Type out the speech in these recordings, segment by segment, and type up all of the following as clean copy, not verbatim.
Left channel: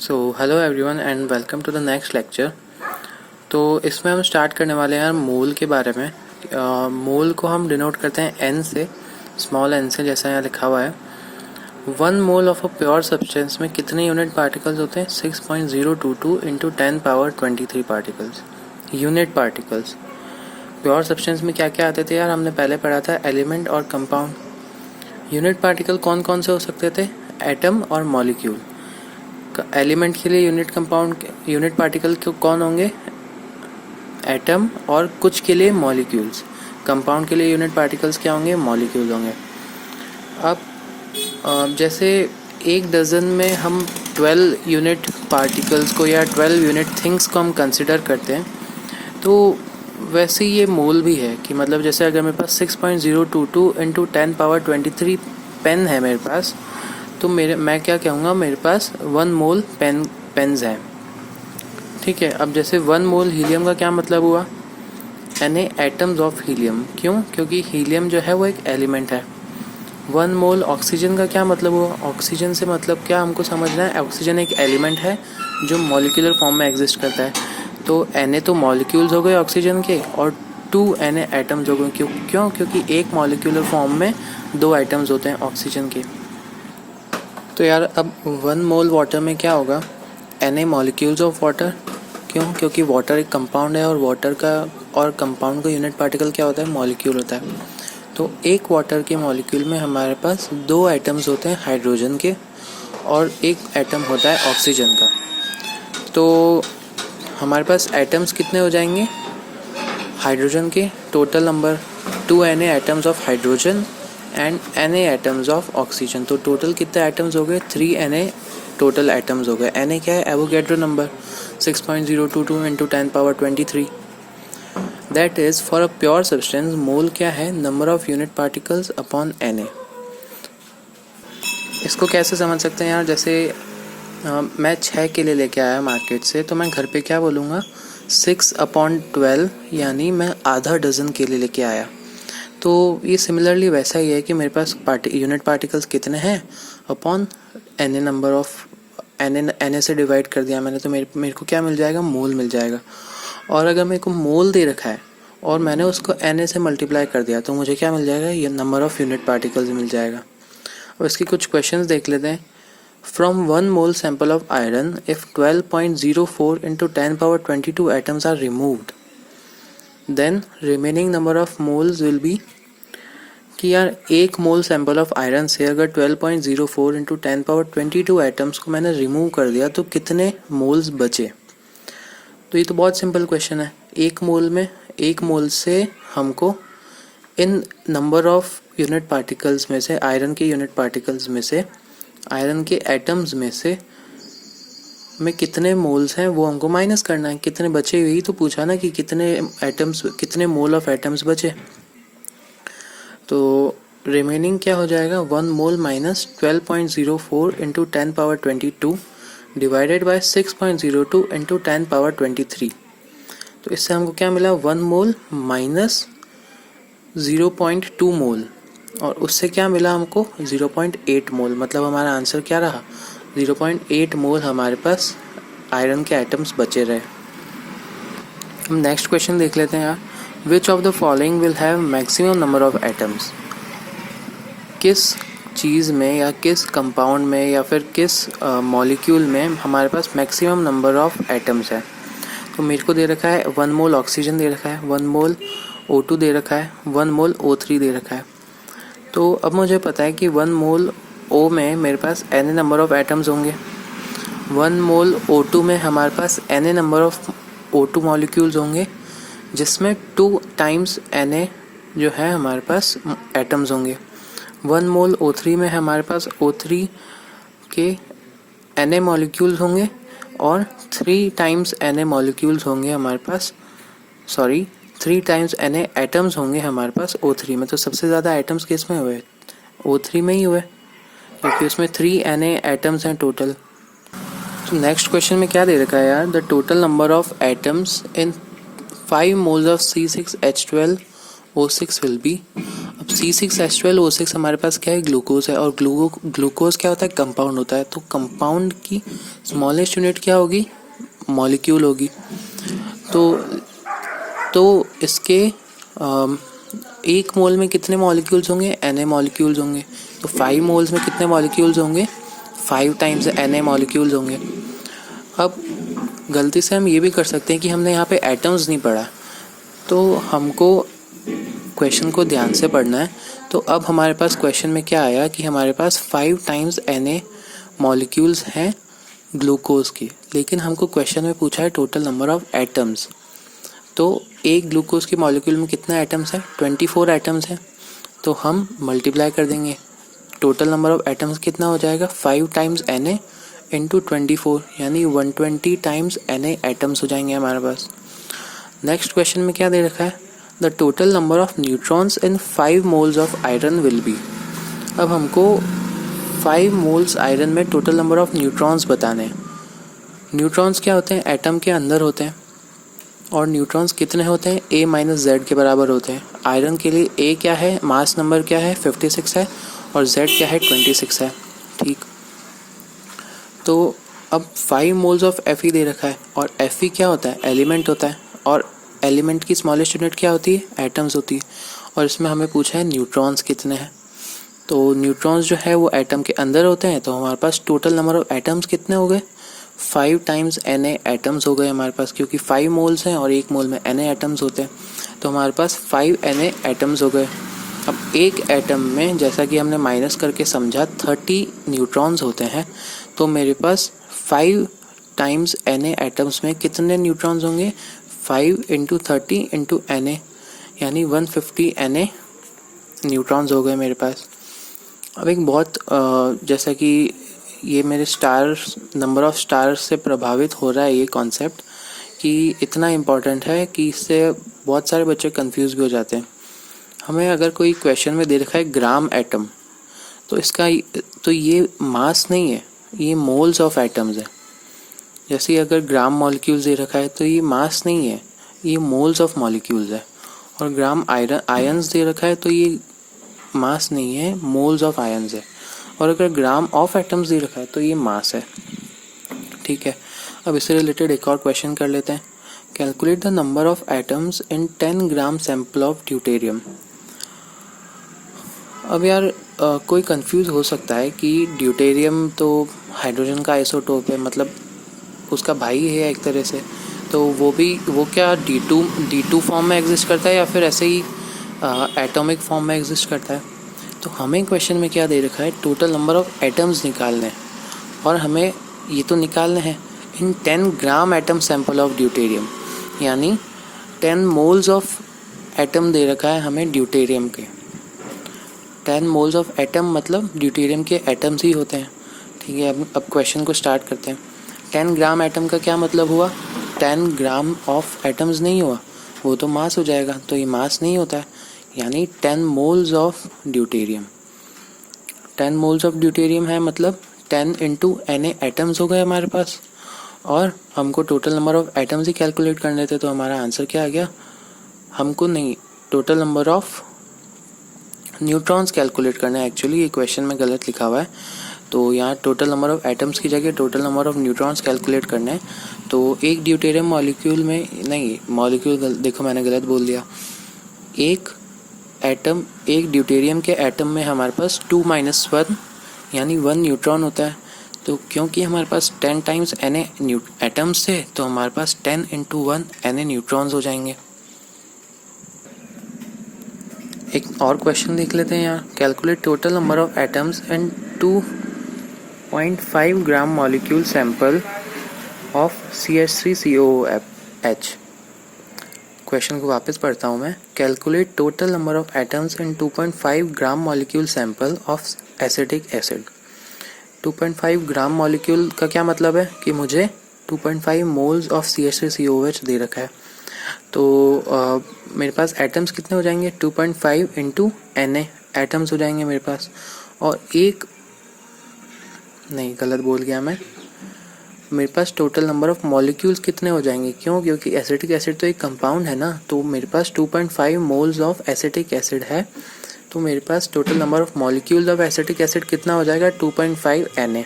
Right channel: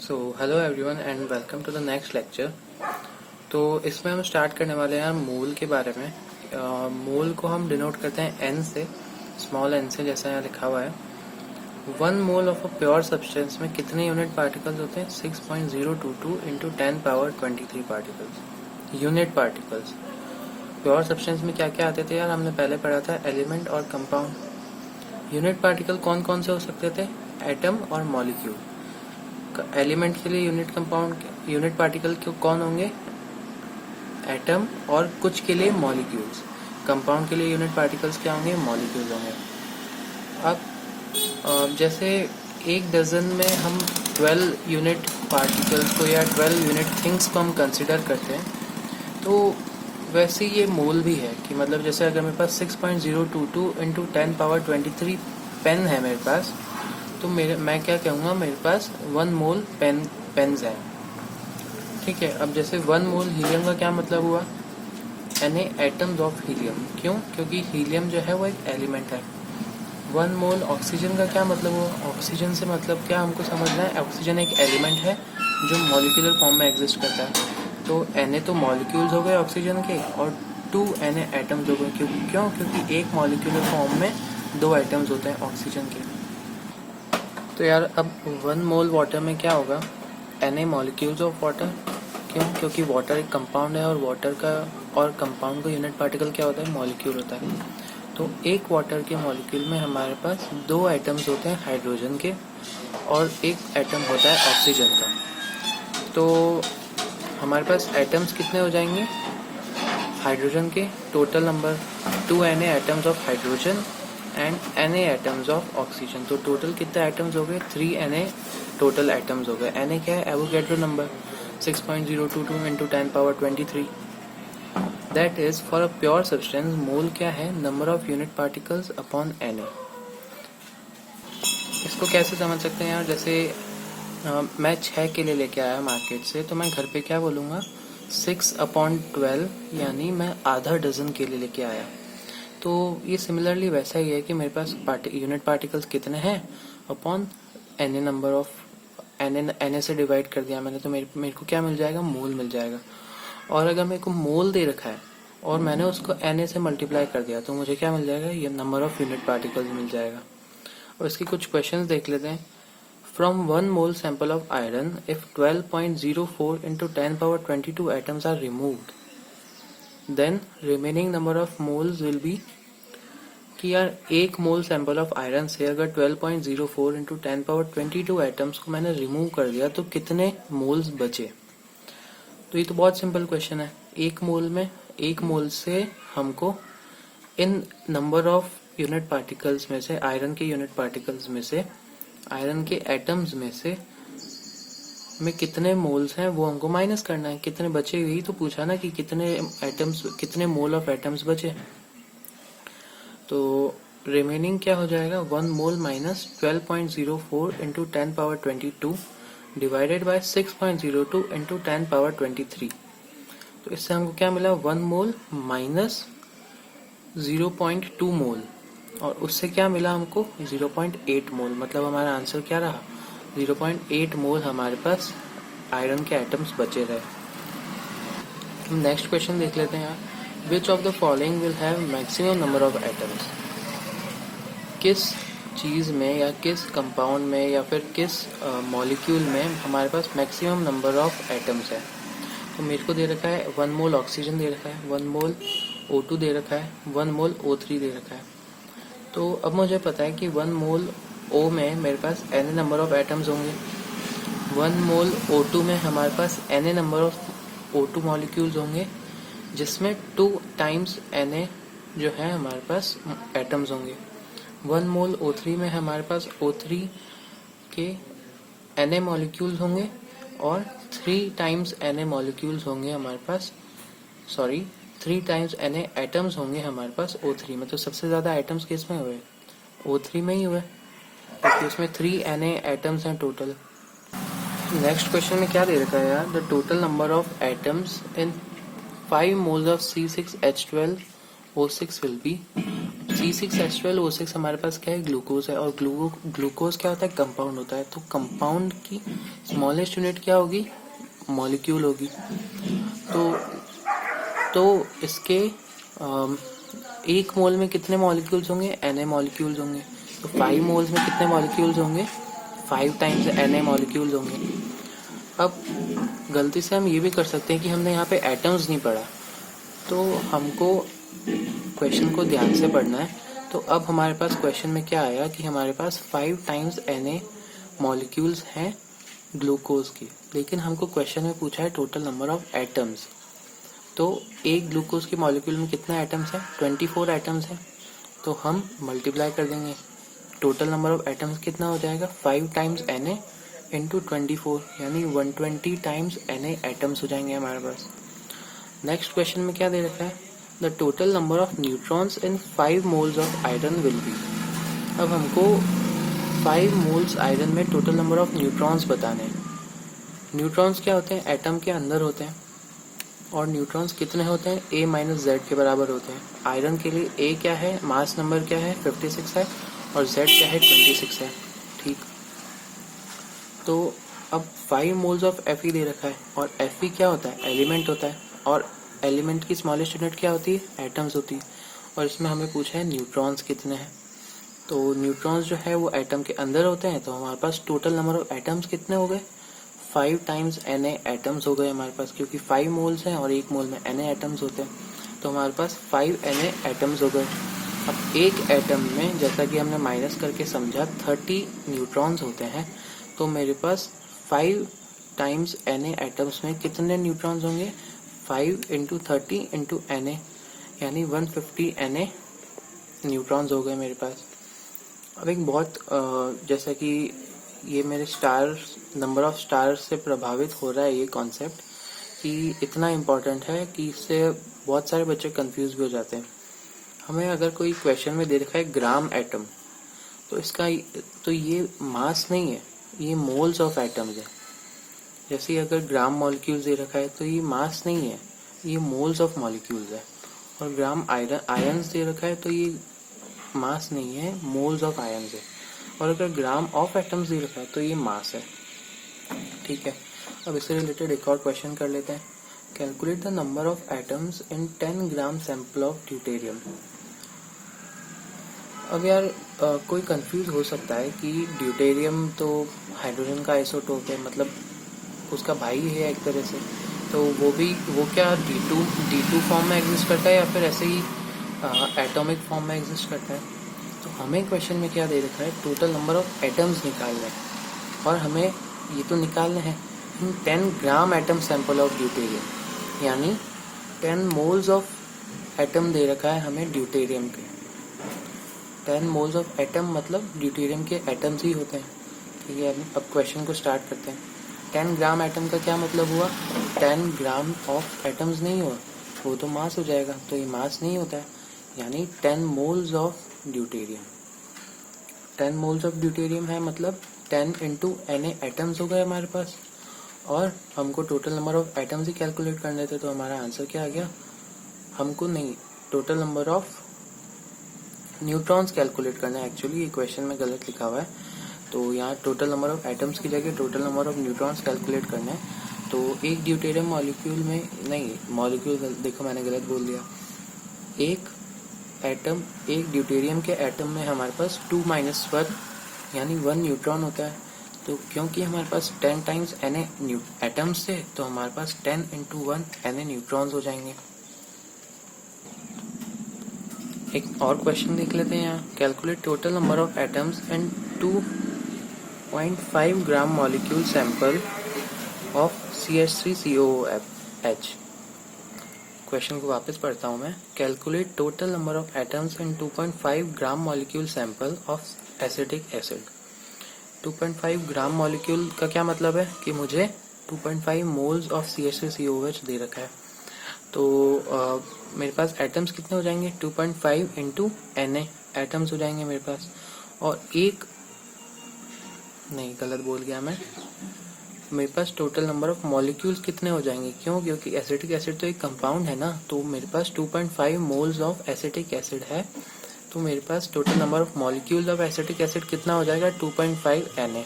So hello everyone and welcome to the next lecture. तो इसमें हम स्टार्ट करने वाले हैं मोल के बारे में। मोल को हम डिनोट करते हैं एन से, स्मॉल एन से, जैसा यहाँ लिखा हुआ है। 1 mole of a pure substance में कितने यूनिट पार्टिकल्स होते हैं? 6.022 into 10⁻23 particles, unit particles. Pure substance में क्या क्या आते थे यार? हमने पहले पढ़ा था एलिमेंट और कंपाउंड। यूनिट पार्टिकल कौन कौन से हो सकते थे? एटम और मॉलिक्यूल। एलिमेंट के लिए यूनिट पार्टिकल कौन होंगे? एटम, और कुछ के लिए मॉलिक्यूल्स। कंपाउंड के लिए यूनिट पार्टिकल्स क्या होंगे? मॉलिक्यूल होंगे। अब जैसे एक डजन में हम 12 यूनिट पार्टिकल्स को या 12 यूनिट थिंग्स को हम कंसिडर करते हैं, तो वैसे ये मोल भी है कि मतलब जैसे अगर मेरे पास 6.022 इंटू 10⁻23 पेन है मेरे पास, तो मैं क्या कहूँगा? मेरे पास 1 मोल पेन्स हैं। ठीक है। अब जैसे 1 मोल हीलियम का क्या मतलब हुआ? Na atoms of helium. क्यों? क्योंकि हीलियम जो है वो एक एलिमेंट है। 1 मोल ऑक्सीजन का क्या मतलब हुआ? ऑक्सीजन से मतलब क्या हमको समझना है? ऑक्सीजन एक एलिमेंट है जो मॉलिक्यूलर फॉर्म में एग्जिस्ट करता है। तो Na तो मॉलिक्यूल्स हो गए ऑक्सीजन के, और 2 Na एटम्स हो गए। क्यों? क्योंकि एक मॉलिक्यूलर फॉर्म में 2 एटम्स होते हैं ऑक्सीजन के। तो यार अब 1 मोल वाटर में क्या होगा? Na molecules of water. क्यों? क्योंकि वाटर एक कंपाउंड है, और वाटर का और कंपाउंड का यूनिट पार्टिकल क्या होता है? मॉलिक्यूल होता है। तो एक वाटर के मॉलिक्यूल में हमारे पास 2 एटम्स होते हैं हाइड्रोजन के, और एक एटम होता है ऑक्सीजन का। तो हमारे पास एटम्स कितने हो जाएंगे हाइड्रोजन के? Total number 2 Na atoms of hydrogen and Na atoms of oxygen. तो टोटल कितने एटम्स हो गए? 3 Na टोटल एटम्स हो गए। Na क्या है? Avogadro number, 6.022 into 10⁻23। That is for a pure substance mole क्या है? Number of unit particles upon Na। इसको कैसे समझ सकते हैं यार? जैसे मैं 6 केले लेके आया मार्केट से, तो मैं घर पे क्या बोलूँगा? 6/12, यानी मैं आधा डजन केले लेके आया। तो ये सिमिलरली वैसा ही है कि मेरे पास यूनिट पार्टिकल्स कितने हैं upon Na number of Na से डिवाइड कर दिया मैंने, तो मेरे को क्या मिल जाएगा? मोल मिल जाएगा। और अगर मेरे को मोल दे रखा है और मैंने उसको Na से मल्टीप्लाई कर दिया, तो मुझे क्या मिल जाएगा? ये नंबर ऑफ यूनिट पार्टिकल्स मिल जाएगा। और इसकी कुछ क्वेश्चंस देख लेते हैं। From 1 mole sample of iron, if 12.04 into 10⁻22 atoms are removed, then remaining number of moles will be. कि यार 1 मोल सैंपल ऑफ आयरन से अगर 12.04 इंटू 10⁻22 एटम्स को मैंने रिमूव कर दिया, तो कितने मोल्स बचे? तो ये तो बहुत सिंपल क्वेश्चन है। 1 मोल से हमको इन नंबर ऑफ यूनिट पार्टिकल्स में से, आयरन के यूनिट पार्टिकल्स में से, आयरन के एटम्स में से में कितने मोल्स हैं वो हमको माइनस करना है। कितने बचे? यही तो पूछा ना कि कितने मोल ऑफ एटम्स बचे। तो रिमेनिंग क्या हो जाएगा? 1 mole minus 12.04 into 10⁻22 divided by 6.02 into 10⁻23। तो इससे हमको क्या मिला? 1 मोल माइनस 0.2 मोल, और उससे क्या मिला हमको? 0.8 मोल। मतलब हमारा आंसर क्या रहा? 0.8 मोल हमारे पास आयरन के एटम्स बचे रहे। हम नेक्स्ट क्वेश्चन देख लेते हैं यार। Which of the following will have maximum number of atoms? किस चीज़ में या किस कंपाउंड में या फिर किस मॉलिक्यूल में हमारे पास मैक्सिमम नंबर ऑफ एटम्स है? तो मेरे को दे रखा है 1 मोल ऑक्सीजन दे रखा है, 1 मोल O2 दे रखा है, 1 मोल O3 दे रखा है। तो अब मुझे पता है कि 1 मोल O में मेरे पास Na नंबर ऑफ एटम्स होंगे, 1 मोल O2 में हमारे पास Na number of O2 molecules होंगे, जिसमें 2 टाइम्स Na जो है हमारे पास एटम्स होंगे। 1 मोल O3 में हमारे पास O3 के Na मॉलिक्यूल्स होंगे, और 3 टाइम्स Na मॉलिक्यूल्स होंगे हमारे पास, 3 टाइम्स Na एटम्स होंगे हमारे पास O3 में। तो सबसे ज़्यादा एटम्स किस में हुए? O3 में ही हुए, क्योंकि उसमें 3 Na एटम्स हैं टोटल। तो नेक्स्ट क्वेश्चन में क्या दे रखा है यार? The total number of atoms in 5 moles of C6H12O6 will be. अब C6H12O6 हमारे पास क्या है, ग्लूकोज है, और ग्लूकोज क्या होता है, कंपाउंड होता है। तो कंपाउंड की स्मॉलेस्ट यूनिट क्या होगी, मॉलिक्यूल होगी। तो इसके एक मोल में कितने मॉलिक्यूल्स होंगे, Na मॉलिक्यूल्स होंगे। तो 5 मोल्स में कितने मॉलिक्यूल्स होंगे, 5 टाइम्स Na मॉलिक्यूल्स होंगे। अब गलती से हम ये भी कर सकते हैं कि हमने यहाँ पे एटम्स नहीं पढ़ा, तो हमको क्वेश्चन को ध्यान से पढ़ना है। तो अब हमारे पास क्वेश्चन में क्या आया कि हमारे पास 5 टाइम्स Na मॉलिक्यूल्स हैं ग्लूकोज की, लेकिन हमको क्वेश्चन में पूछा है टोटल नंबर ऑफ एटम्स। तो एक ग्लूकोज के मॉलिक्यूल में कितना एटम्स है, 24 एटम्स है। तो हम मल्टीप्लाई कर देंगे, टोटल नंबर ऑफ एटम्स कितना हो जाएगा, 5 टाइम्स Na इंटू 24, यानी 120 टाइम्स Na एटम्स हो जाएंगे हमारे पास। नेक्स्ट क्वेश्चन में क्या दे रखा है, the total number of neutrons in 5 moles of iron will be. अब हमको 5 मोल्स आयरन में टोटल नंबर ऑफ न्यूट्रॉन्स बताने हैं। न्यूट्रॉन्स क्या होते हैं, एटम के अंदर होते हैं, और न्यूट्रॉन्स कितने होते हैं, A माइनस Z के बराबर होते हैं। आयरन के लिए A क्या है, मास नंबर क्या है, 56 है, और Z क्या है, 26 है। ठीक, तो अब 5 मोल्स ऑफ Fe दे रखा है, और Fe क्या होता है, एलिमेंट होता है, और एलिमेंट की स्मॉलेस्ट यूनिट क्या होती है, एटम्स होती है। और इसमें हमें पूछा है न्यूट्रॉन्स कितने हैं। तो न्यूट्रॉन्स जो है वो एटम के अंदर होते हैं, तो हमारे पास टोटल नंबर ऑफ एटम्स कितने हो गए, 5 टाइम्स Na एटम्स हो गए हमारे पास, क्योंकि 5 मोल्स हैं और एक मोल में Na एटम्स होते हैं, तो हमारे पास 5 Na एटम्स हो गए। अब एक एटम में, जैसा कि हमने माइनस करके समझा, 30 न्यूट्रॉन्स होते हैं, तो मेरे पास 5 टाइम्स Na एटम्स में कितने न्यूट्रॉन्स होंगे, 5 इंटू 30 इंटू Na, यानी 150 Na न्यूट्रॉन्स हो गए मेरे पास। अब एक बहुत जैसा कि ये मेरे नंबर ऑफ स्टार्स से प्रभावित हो रहा है ये कॉन्सेप्ट, कि इतना इम्पॉर्टेंट है कि इससे बहुत सारे बच्चे कंफ्यूज भी हो जाते हैं। हमें अगर कोई क्वेश्चन में दे रखा है ग्राम एटम, तो ये मास नहीं है, ये मोल्स ऑफ एटम्स है। जैसे अगर ग्राम मॉलिक्यूल्स दे रखा है, तो ये मास नहीं है, ये मोल्स ऑफ मॉलिक्यूल्स है। और ग्राम आयंस दे रखा है, तो ये मास नहीं है, मोल्स ऑफ आयंस है। और अगर ग्राम ऑफ एटम्स दे रखा है, तो ये मास है। ठीक है, अब इससे रिलेटेड एक और क्वेश्चन कर लेते हैं। Calculate the number of atoms in 10 gram sample of deuterium. अब यार कोई कंफ्यूज हो सकता है कि ड्यूटेरियम तो हाइड्रोजन का आइसोटोप है, मतलब उसका भाई है एक तरह से, तो वो क्या D2 फॉर्म में एग्जिस्ट करता है, या फिर ऐसे ही एटॉमिक फॉर्म में एग्जिस्ट करता है। तो हमें क्वेश्चन में क्या दे रखा है, टोटल नंबर ऑफ एटम्स निकालने हैं, और हमें ये तो निकालने हैं इन 10 gram atom sample of deuterium, यानी 10 मोल्स ऑफ एटम दे रखा है हमें ड्यूटेरियम के। 10 मोल्स ऑफ एटम मतलब ड्यूटेरियम के एटम्स ही होते हैं। ठीक है, अब क्वेश्चन को स्टार्ट करते हैं। 10 ग्राम एटम का क्या मतलब हुआ, 10 ग्राम ऑफ एटम्स नहीं हुआ, वो तो मास हो जाएगा, तो ये मास नहीं होता है, यानी 10 moles of deuterium. 10 moles of deuterium है मतलब 10 इंटू Na एटम्स हो गए हमारे पास, और हमको total number of atoms he calculate करने थे, तो हमारा आंसर क्या आ गया, हमको नहीं, total number of neutrons calculate करना है। एक्चुअली ये क्वेश्चन में गलत लिखा हुआ है, तो यहाँ टोटल नंबर ऑफ एटम्स की जगह total number of neutrons calculate करना है। तो एक ड्यूटेरियम मॉलिक्यूल में, नहीं मॉलिक्यूल देखो मैंने गलत बोल दिया, एक ड्यूटेरियम के एटम में हमारे पास 2 - 1 यानी 1 न्यूट्रॉन होता है। तो क्योंकि हमारे पास 10 टाइम्स Na एटम्स थे, तो हमारे पास 10 इंटू 1 Na न्यूट्रॉन्स हो जाएंगे। एक और क्वेश्चन देख लेते हैं यहाँ। Calculate total number of atoms and 2.5 gram molecule sample of CH3COOH। Question को वापस पढ़ता हूँ मैं। Calculate total number of atoms in 2.5 gram molecule sample of acetic acid. 2.5 gram molecule का क्या मतलब है कि मुझे 2.5 मोल्स ऑफ CH3COOH दे रखा है। तो मेरे पास एटम्स कितने हो जाएंगे, 2.5 इंटू Na एटम्स हो जाएंगे मेरे पास। और नहीं गलत बोल गया मैं, मेरे पास टोटल नंबर ऑफ मॉलिक्यूल्स कितने हो जाएंगे, क्योंकि एसिटिक एसिड तो एक कंपाउंड है ना, तो मेरे पास 2.5 मोल्स ऑफ एसिटिक एसिड है तो मेरे पास total number of molecules of acetic acid कितना हो जाएगा 2.5 Na।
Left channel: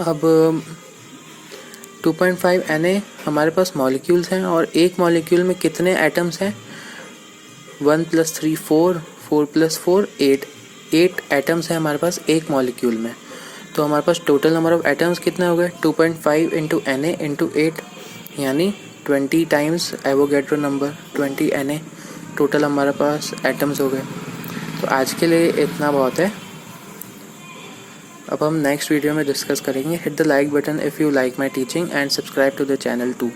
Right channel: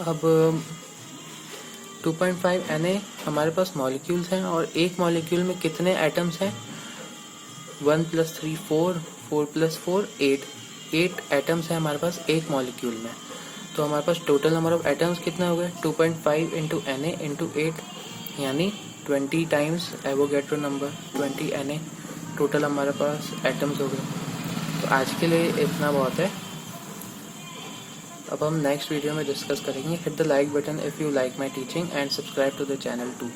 अब 2.5 Na हमारे पास मॉलिक्यूल्स हैं और एक मॉलिक्यूल में कितने एटम्स हैं 1 + 3 4 4 + 4 8 एटम्स हैं हमारे पास एक मॉलिक्यूल में। तो हमारे पास टोटल नंबर ऑफ एटम्स कितने हो गए 2.5 × Na × 8 यानी 20 times Avogadro number 20 Na total हमारे पास एटम्स हो गए। तो आज के लिए इतना बहुत है। अब हम नेक्स्ट वीडियो में डिस्कस करेंगे। Hit the like button if you like my teaching and subscribe to the channel to.